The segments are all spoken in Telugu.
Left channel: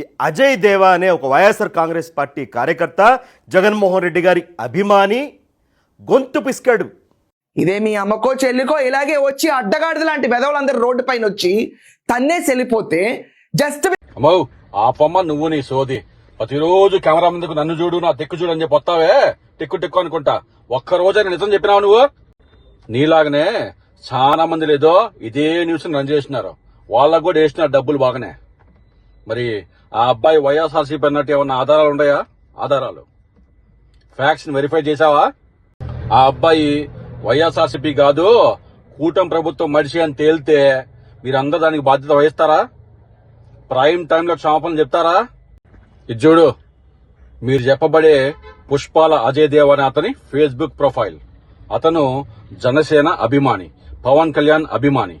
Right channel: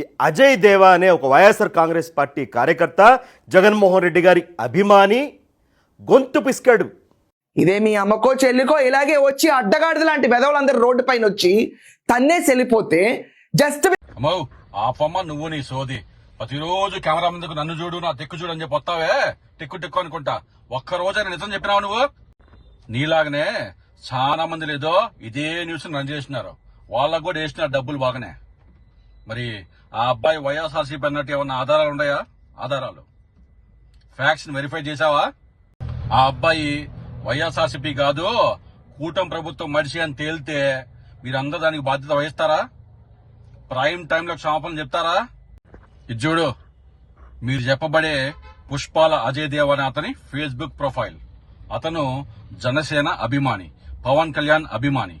ఈ అజయ్ దేవా అనే ఒక వైఎస్ఆర్ కాంగ్రెస్ పార్టీ కార్యకర్త, జగన్మోహన్ రెడ్డి గారి అభిమాని గొంతు పిసికాడు. ఇదే మీ అమ్మకో చెల్లికో ఇలాగే వచ్చి అడ్డగాడిద లాంటి వెధవులందరూ రోడ్డు పైన వచ్చి తన్నేసి వెళ్ళిపోతే జస్ట్ అమ్మో ఆపమ్మ నువ్వు నీ సోది. ప్రతిరోజు కెమెరా ముందుకు నన్ను చూడు, నా దిక్కు చూడు అని చెప్పి వస్తావే టిక్కు అనుకుంటా. ఒక్క రోజైనా నిజం చెప్పినావు నువ్వు? నీలాగనే చాలా మంది లేదో ఇదే న్యూస్ రన్ చేస్తున్నారు, వాళ్ళకు కూడా వేస్తున్నారు డబ్బులు బాగానే. మరి ఆ అబ్బాయి వైఎస్ఆర్సీపీ అన్నట్టు ఏమన్నా ఆధారాలు ఉన్నాయా? ఆధారాలు ఫ్యాక్ట్స్ వెరిఫై చేశావా? ఆ అబ్బాయి వైఎస్ఆర్సీపీ కాదు కూటమి ప్రభుత్వం మనిషి అని తేలితే మీరందరూ దానికి బాధ్యత వహిస్తారా? ప్రైమ్ టైంలో క్షమాపణలు చెప్తారా? ఇది చూడు, మీరు చెప్పబడే పుష్పాల అజయ్ దేవ్ అనే అతని ఫేస్బుక్ ప్రొఫైల్. అతను జనసేన అభిమాని, పవన్ కళ్యాణ్ అభిమాని.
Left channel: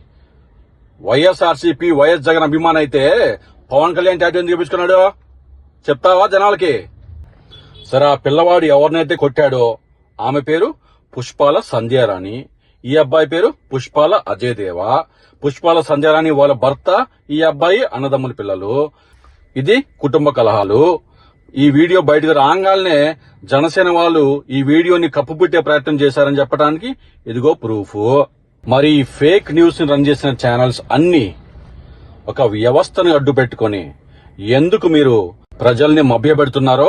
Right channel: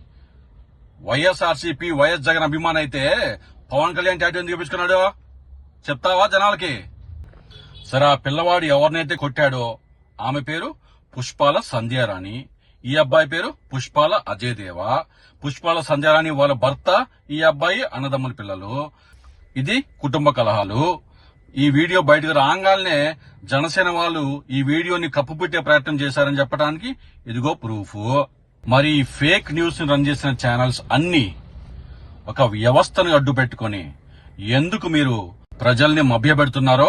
వైఎస్ఆర్సీపీ వైఎస్ జగన్ అభిమాని అయితే పవన్ కళ్యాణ్ టాటూ ఎందుకు చూపించుకున్నాడు చెప్తావా జనాలకి? సరే, ఆ పిల్లవాడు ఎవరినైతే కొట్టాడో ఆమె పేరు పుష్పాల సంధ్యారాణి, ఈ అబ్బాయి పేరు పుష్పాల అజయ్ దేవా. పుష్పాల సంధ్యారాణి వాళ్ళ భర్త, ఈ అబ్బాయి అన్నదమ్ముల పిల్లలు. ఇది కుటుంబ కలహాలు. ఈ వీడియో బయటకు రాగానే జనసేన వాళ్ళు ఈ వీడియోని కప్పుపుట్టే ప్రయత్నం చేశారని చెప్పడానికి ఇదిగో ప్రూఫ్. మరి ఈ ఫేక్ న్యూస్ ని రన్ చేసిన ఛానల్స్ అన్ని ఒక వ్యవస్థను అడ్డు పెట్టుకుని ఎందుకు మీరు ప్రజల్ని మభ్యపెడుతున్నారో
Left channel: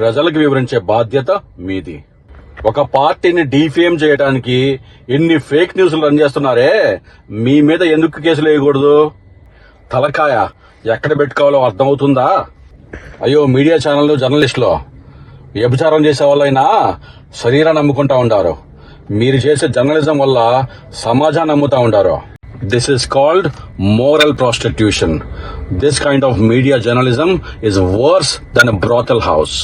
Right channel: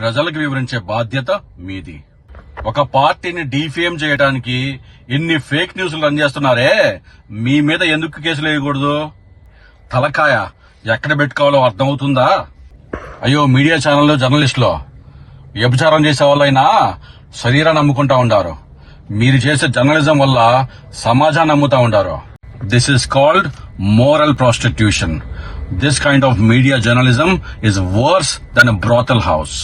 ప్రజలకు వివరించే బాధ్యత మీది. ఒక పార్టీని డీఫేమ్ చేయడానికి ఎన్ని ఫేక్ న్యూస్లు రన్ చేస్తున్నారే, మీ మీద ఎందుకు కేసులు వేయకూడదు? తలకాయ ఎక్కడ పెట్టుకోవాలో అర్థమవుతుందా? అయ్యో, మీడియా ఛానల్లో జర్నలిస్టులు వ్యభిచారం చేసే వాళ్ళైనా శరీరాన్ని నమ్ముకుంటా ఉండారు, మీరు చేసే జర్నలిజం వల్ల సమాజాన్ని నమ్ముతా ఉండారు. This is called moral prostitution. This kind of media journalism is worse than a brothel house.